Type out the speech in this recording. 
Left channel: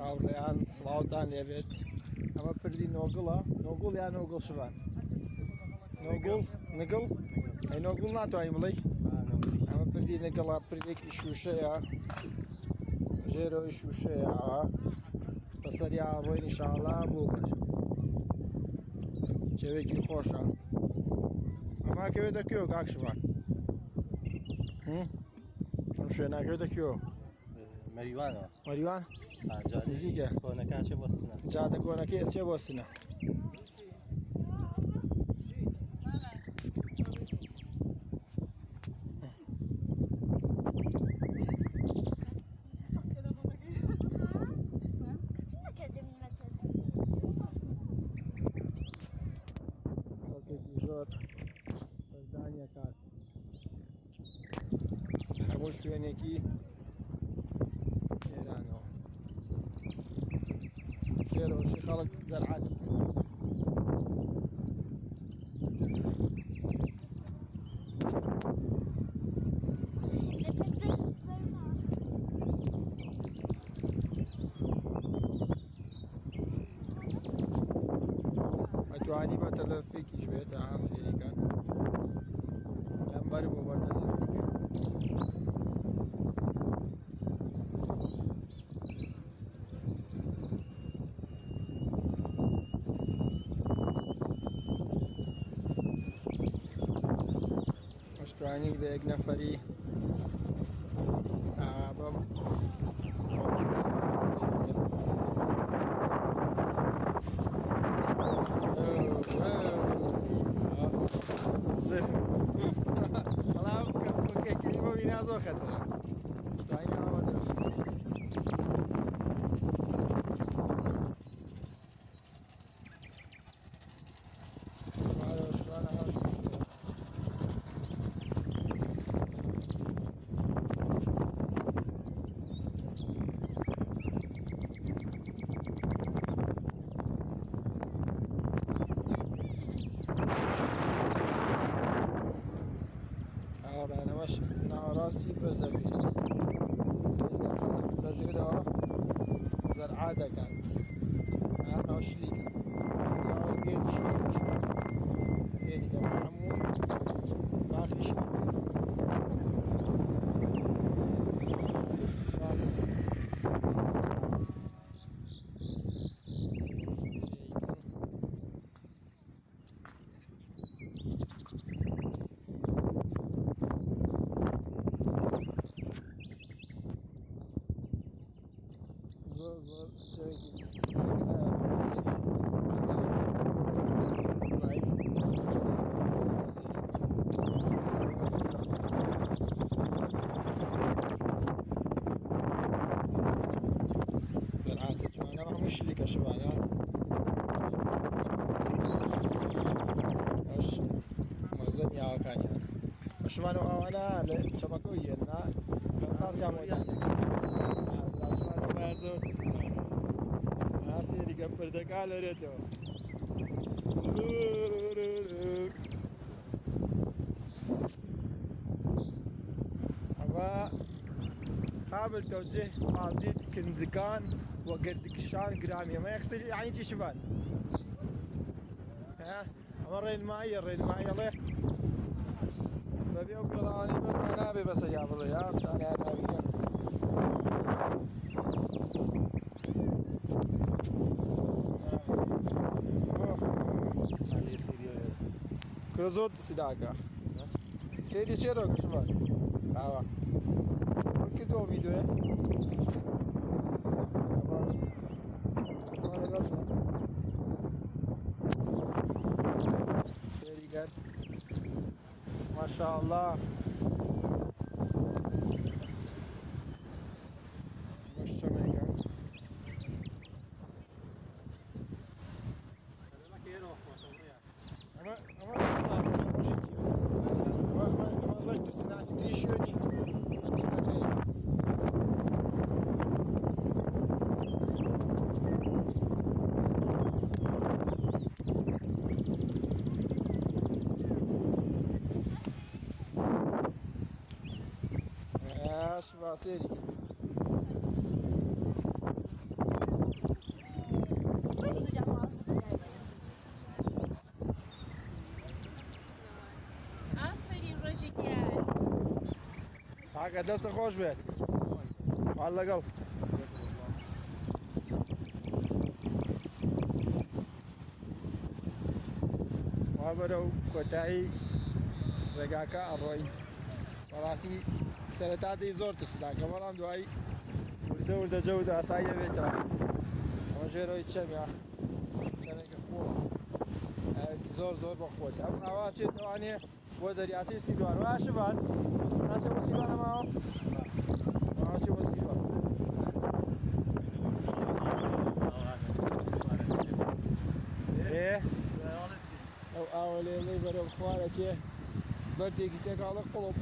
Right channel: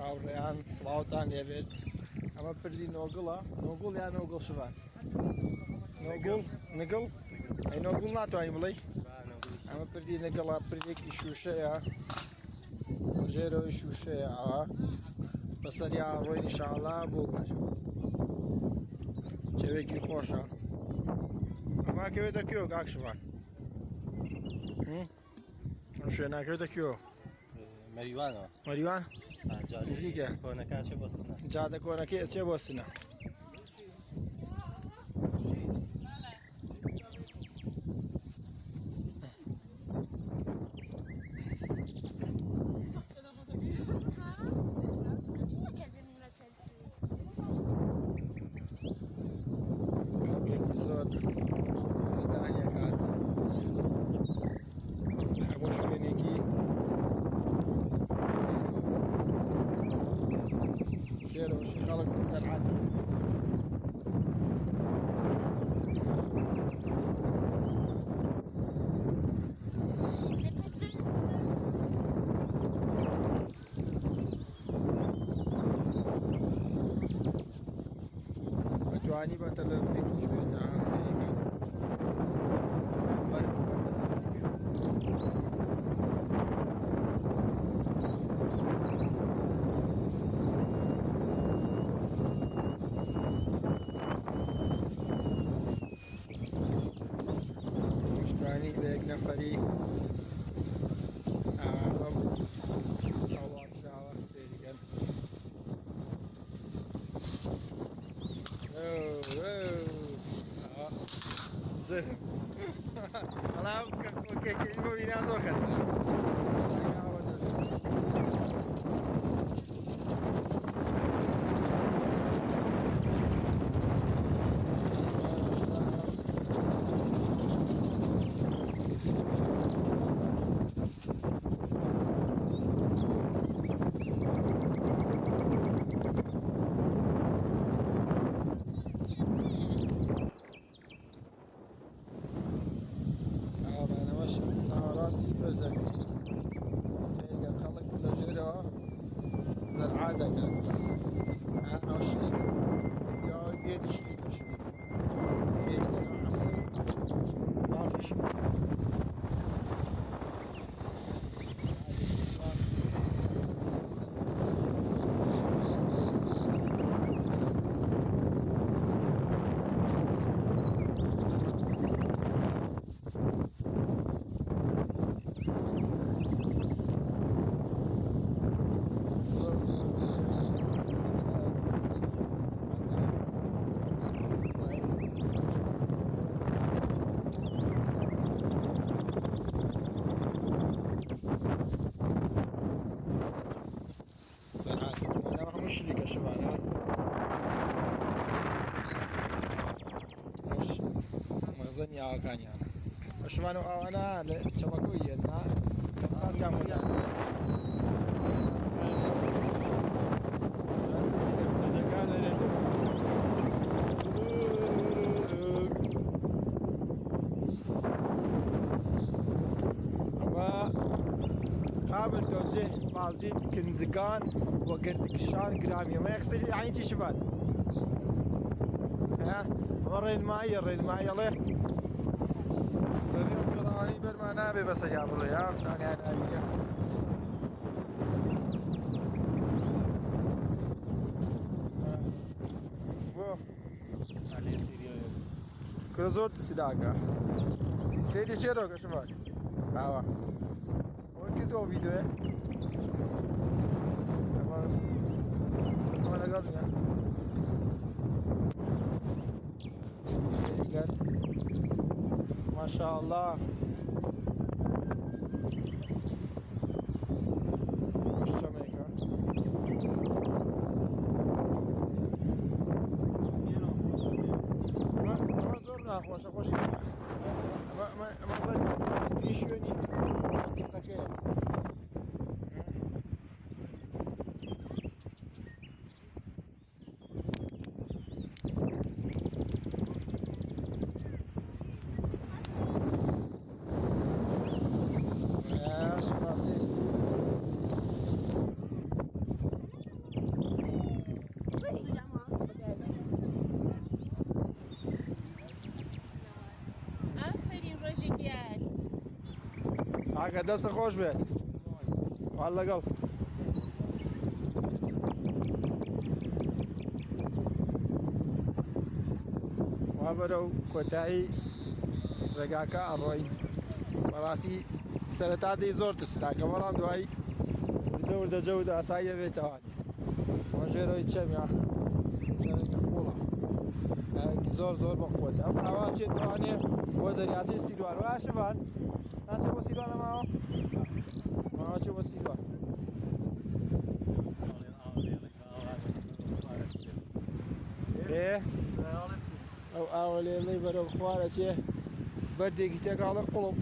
هاوڕێیان سڵاوتان لێبێت ئەمە پردی نۆگڵە نۆگوڵ یان نۆگڵ شوان نۆگوڵ نگڵ ئەی نۆگوڵ ناتوانین بڵێ ئەمە پردی نگڵە پردێکی شوشەیە ژێرەوەی شوشەیە ئەوە بەسەریا ڕۆی نیشاڵا بۆ بەر چێوێکی خۆشە ئەما کەوێتە کێوە کاک شوان ئەم شوێناکەوێتە کێوە مەریوانەوە مەریوان نزیکە کۆنەکان چێ بۆ سنە جادە کۆنەکەی چێ بۆ سنە خەڵکێکی زۆر سەردانیە کات هەموو شوێنێکی ژێرەوەشی خەڵک زەرعات توانی بە تەلەفێکی ژێتە ئاسایی بەر بۆ بە توانی بە یەک نەفەری بەم بەڵام کەکەی بۆ بینا زۆر خەتەرە شتانی ئاوە دەرفێت ئەوڕانەوەش ناڕاستی بەز دەکەین سێگە خەڵک لە ژێرەوە زەرعا دەکات ئەو شریکە یا گێری شریکە شریک سێری لەمە هەمووی مافی شریک زەرعاتە مشركة شبعنا اش مخزن يا كان يعني شبعنا وانا لشبكوية ما كم خاص يعمل ناس اللي كان برتقال ريتو قابل توجيه مسجد كندقان وقردقشان قرامية ما يغسل يعني شبان ها وري الماء يلا ببيض بيضاني بالمنابي بس يا ابو يا ثاني هذه كرزور تسيداكا سيدي چرا شبان باوا كده فيديو ما شاء الله سيري ئاگە دەستە خۆش بێت خوا لەگەڵ وا بەرەو کۆتایی ڕێگاکە ئەڕۆین بەڕاستی سەرەتا دەی زۆر تشتاکە بەڵام دوایی وردە وردە جەوت ئاسایی دەبێتەوە ئەمە ژێرەوەی چەمیا چەمێکی قوڵە زۆر زۆر بەخۆت ئەم ئاوا چێت بەوانێ بۆ دەریاچەی سیروان وا شەبان ناچێت بۆ سیروان ئەماوە ماوە چێت بۆ سیروان ئەو ئاوە لێڵەی بەرەو خوارە چێ بەردێکی تێکاڵە قوڵب